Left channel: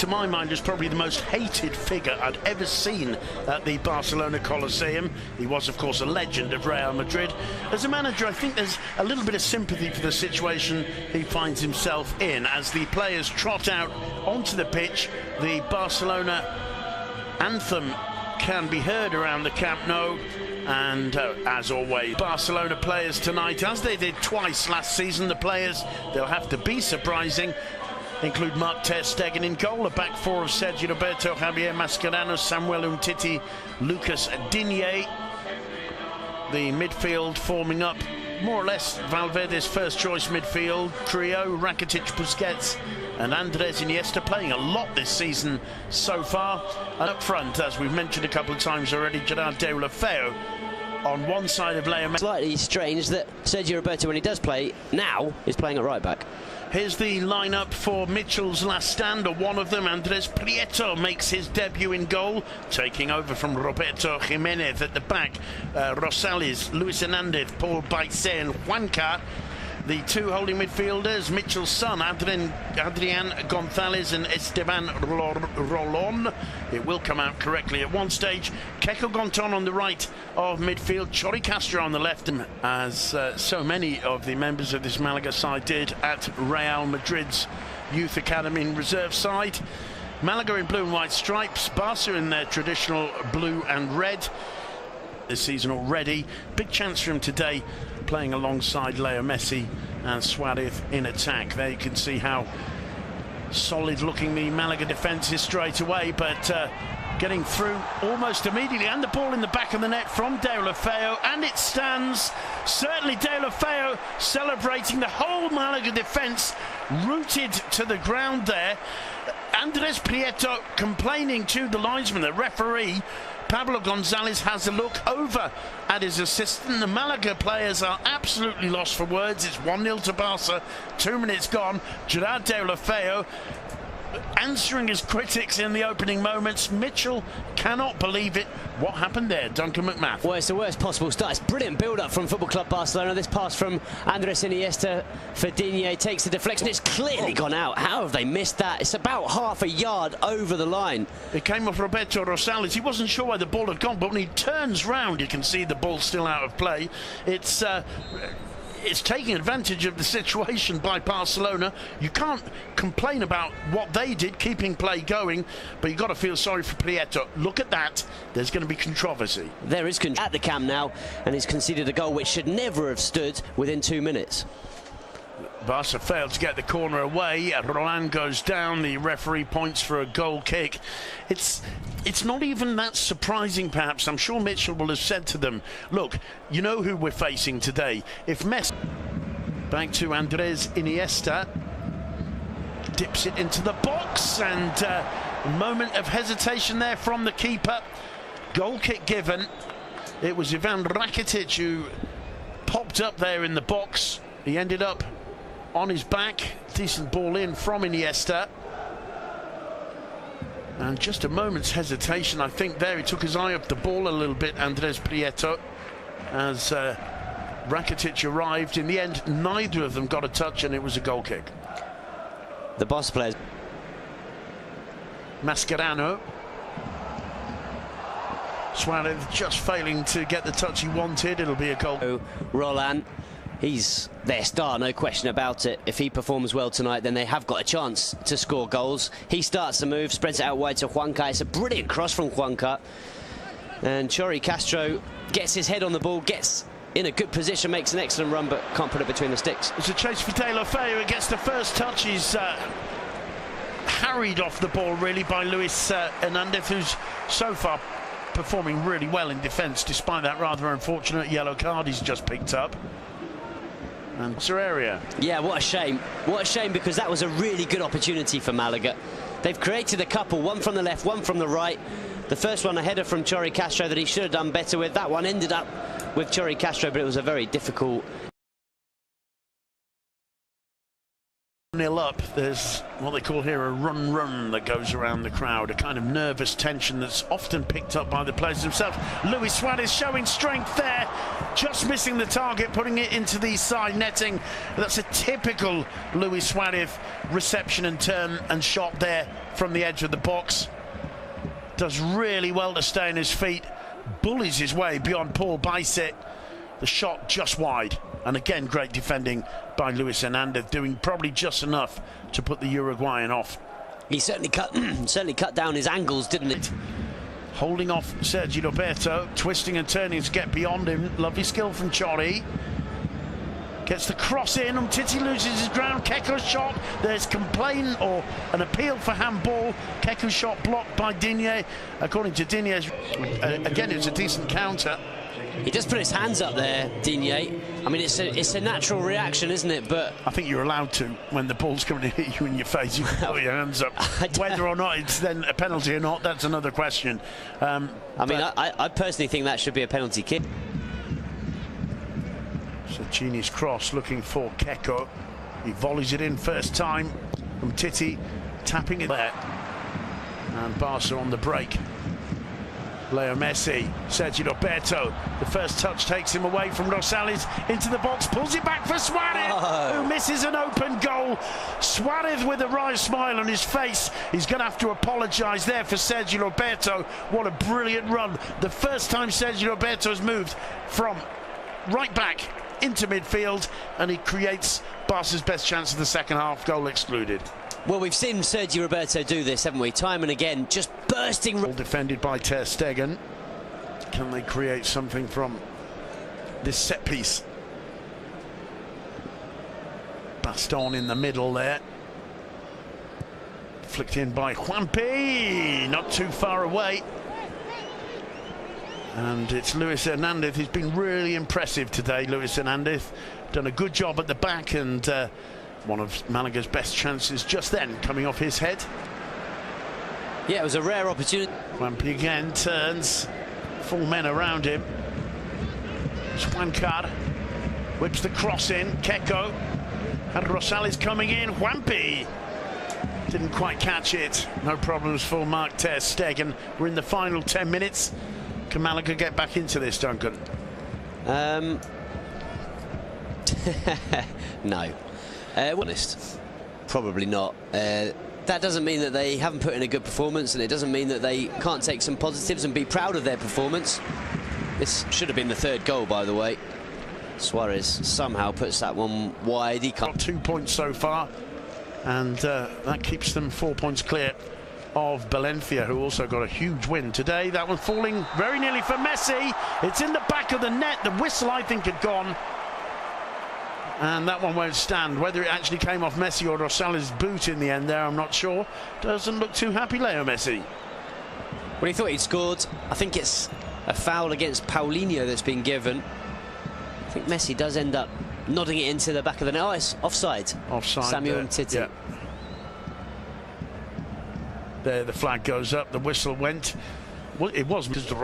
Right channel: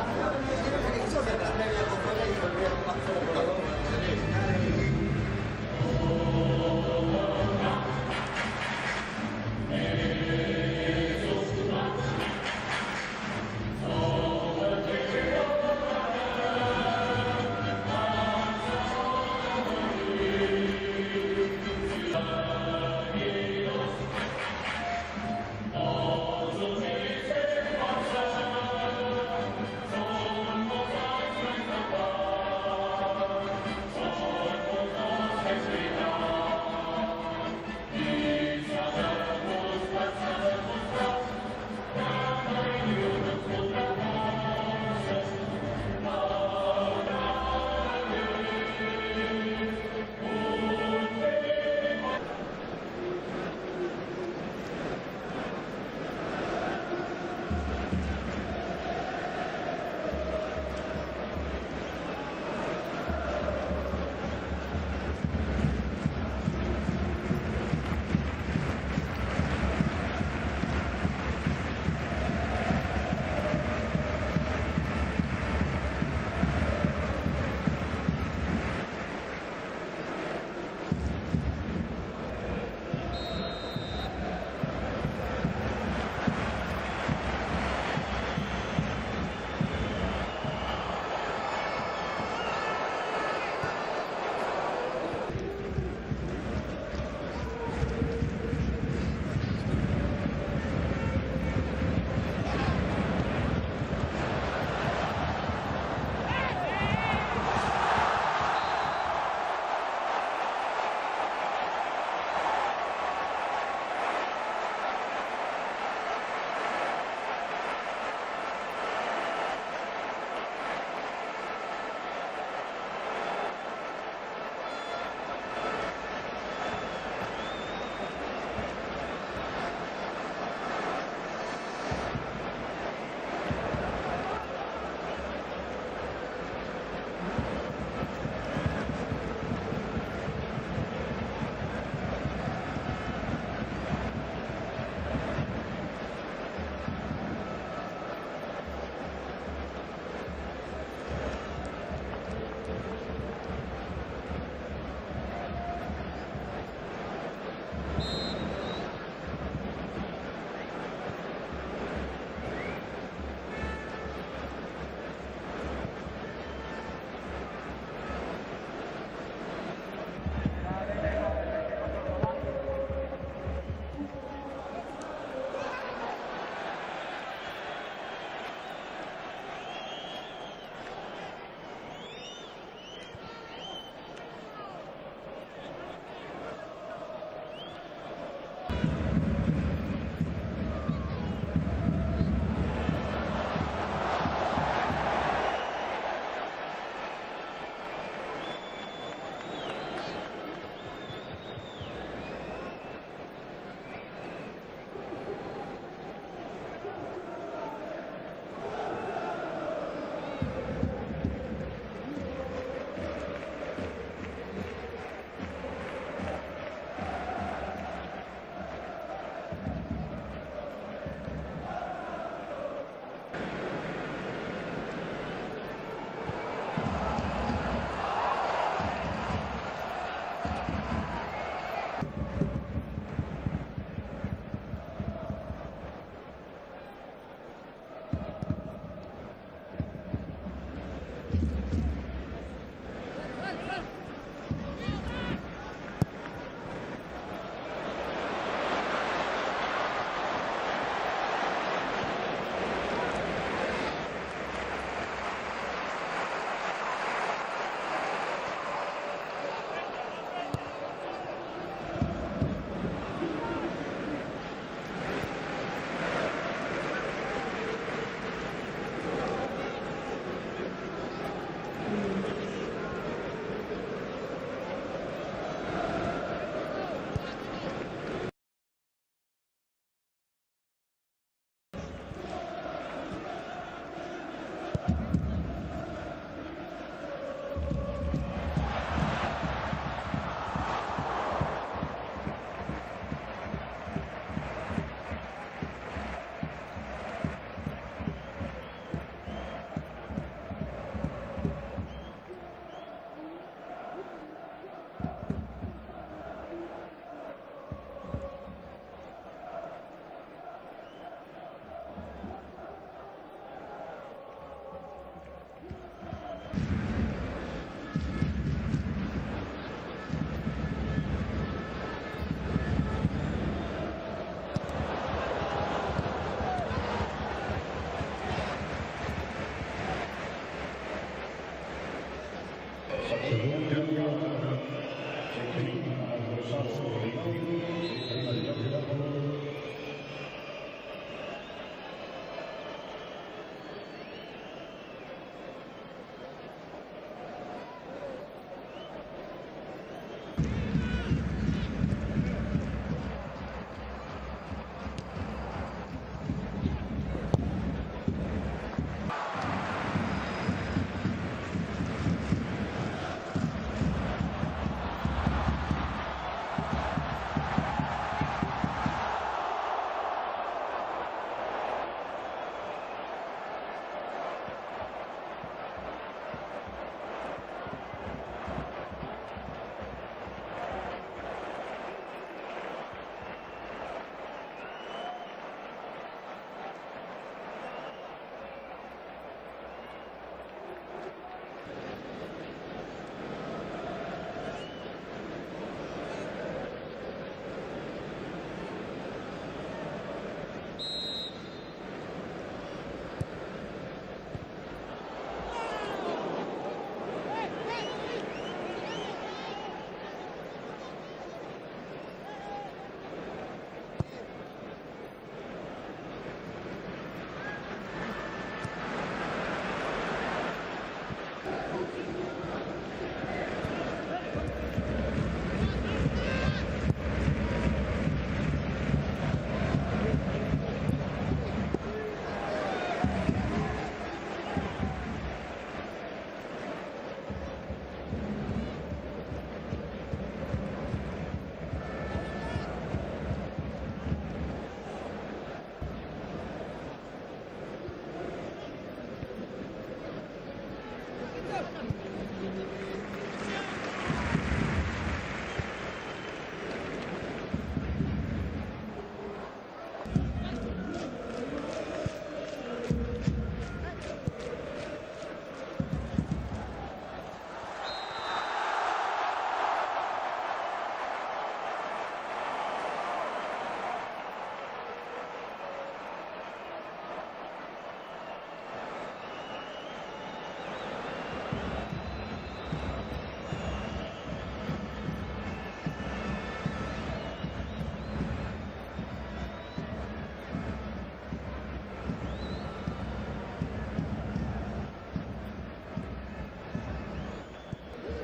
to my mind, is probably the most hated figure I've ever seen at the Barcelona Coliseum. He was, of course, a legend of Real Madrid. As a manager, I think there's a little bit of sympathy for the situation he finds himself in. As the players trot out onto the pitch, the Barcelona anthem can be heard around the Camp Nou. And as always, Barcelona players tonight, as they did twice last season, the players, they'll have to be surprising, include Marc ter Stegen in goal, a back four of Sergi Roberto, Javier Mascherano, Samuel Umtiti, Lucas Digne. The midfield forming up more or less Valverde's first choice midfield trio, Rakitic, Busquets and Andres Iniesta, playing a lot this season so far. And up front, as we've mentioned a couple of times already, Gerard Deulofeu on one side of Leo Messi. Slightly strange that Sergio Roberto, when he does play now, is playing at right back. Here's the lineup for Mitchell's last stand, or one of them. Andres Prieto makes his debut in goal, taking over from Roberto Jimenez at the back. Rosales, Luis Hernandez, Paul Baisset and Juanca. The two holding midfielders, Mitchell's son, Adrian Gonzalez and Esteban Rolon. It will come out correctly at one stage. Keko Gonton on the right of midfield, Chori Castro on the left, and as so many of the members of this Malaga side did at Real Madrid's Youth Academy and reserve side. Malaga in blue and white stripes, Barca in their traditional blue and red. This season already, big chance for him today, playing alongside Leo Messi and Suarez in attack. There you can see how solid looking the Malaga defence is straight away, but getting through almost immediately, and the ball in the back of the net from Deulofeu, and it stands. Certainly Deulofeu celebrating, the whole Malaga defence rooted to the ground there. Andres Prieto complaining to the linesman, the referee. Pablo Gonzalez has a look over at his assistant. The Malaga players are absolutely lost for words. It's 1-0 to Barca, 2 minutes gone. Gerard Deulofeu answering his critics in the opening moments. Mitchell cannot believe it. What happened there, Duncan McMath? Well, it's the worst possible start. It's brilliant build-up from Football Club Barcelona. This pass from Andres Iniesta for Digne takes the deflection. It's clearly gone out. How have they missed that? It's about half a yard over the line. It came off Roberto Rosales. He wasn't sure where the ball had gone, but when he turns round, you can see the ball still out of play. It's taking advantage of the situation by Barcelona. You can't complain about what they did, keeping play going, but you've got to feel sorry for Prieto. Look at that. There's going to be controversy. There is controversy at the Camp Nou, and he's conceded a goal which should never have stood within 2 minutes. Barca failed to get the corner away. Roland goes down. The referee points for a goal kick. It's not even that surprising, perhaps. I'm sure Mitchell will have said to them, look, you know who we're facing today. If Messi... Back to Andres Iniesta. Dips it into the box, and a moment of hesitation there from the keeper. Goal kick given. It was Ivan Rakitic who popped up there in the box. He ended up on his back. Decent ball in from Iniesta. And just a moment's hesitation, I think there. He took his eye off the ball a little bit, Andres Prieto, as Rakitic arrived. In the end, neither of them got a touch, and it was a goal kick. The Barca players. Mascherano. Suarez just failing to get the touch he wanted. It'll be a goal. Roland. He's their star, no question about it. If he performs well tonight, then they have got a chance to score goals. He starts the move, spreads it out wide to Juanca. It's a brilliant cross from Juanca. And Chori Castro gets his head on the ball, gets in a good position, makes an excellent run, but can't put it between the sticks. It's a chase for Deulofeu. He gets the first touch. He's harried off the ball, really, by Luis Hernandez, who's so far performing really well in defence, despite that rather unfortunate yellow card he's just picked up. And area. Yeah, what a shame. What a shame, because that was a really good opportunity for Malaga. They've created a couple, one from the left, one from the right. The first one, a header from Chori Castro that he should have done better with. That one ended up with Chori Castro, but it was a very difficult 1-0 up, there's what they call here a run that goes around the crowd, a kind of nervous tension that's often picked up by the players themselves. Luis Suarez showing strength there, just missing the target, putting it into the side netting. That's a typical Luis Suarez reception and turn and shot there from the edge of the box. Does really well to stay on his feet, bullies his way beyond Paul Bicet. The shot just wide, and again great defending by Luis Hernandez, doing probably just enough to put the Uruguayan off. He certainly cut down his angles, didn't it? Holding off Sergi Roberto, twisting and turning to get beyond him. Lovely skill from Chori. Gets the cross in, Titi loses his ground. Keko's shot, there's complaint or an appeal for handball. Keko's shot blocked by Digne. According to Digne, again, it's a decent counter. He just put his hands up there, Digne. I mean, it's a natural reaction, isn't it? But I think you're allowed to, when the ball's coming to hit you in your face, you can put your hands up. Whether or not it's then a penalty or not, that's another question. I personally think that should be a penalty kick. Cini's cross looking for Keko. He volleys it in first time from Titi, tapping it there. And Barca on the break. Leo Messi, Sergi Roberto, the first touch takes him away from Rosales into the box, pulls it back for Suarez, who misses an open goal. Suarez with a wry smile on his face. He's going to have to apologise there for Sergi Roberto. What a brilliant run. The first time Sergi Roberto has moved from right back into midfield, and he creates Barca's best chance of the second half, goal excluded. Well, we've seen Sergi Roberto do this, haven't we? Time and again, just bursting. All defended by Ter Stegen. Can they create something from this set piece? Baston in the middle there. Flicked in by Juanpi, not too far away. And it's Luis Hernandez. He's been really impressive today, Luis Hernandez. Done a good job at the back, and one of Malaga's best chances just then coming off his head. Yeah, it was a rare opportunity. Juanpi again turns, 4 men around him. Juankar whips the cross in. Keko had Rosales coming in. Juanpi didn't quite catch it. No problems for Mark Ter Stegen. We're in the final 10 minutes. Can Malaga get back into this, Duncan? No. Honest, probably not. That doesn't mean that they haven't put in a good performance, and it doesn't mean that they can't take some positives and be proud of their performance. This should have been the third goal, by the way. Suarez somehow puts that one wide. He can't. 2 points so far, and that keeps them 4 points clear of Valencia, who also got a huge win today. That one falling very nearly for Messi. It's in the back of the net. The whistle, I think, had gone. And that one won't stand. Whether it actually came off Messi or Rosales' boot in the end there, I'm not sure. Doesn't look too happy, Leo Messi. Well, he thought he'd scored. I think it's a foul against Paulinho that's been given. I think Messi does end up nodding it into the back of the net. Oh, it's offside. Offside. Samuel Titi. Yeah. There, the flag goes up. The whistle went. Well, it was because the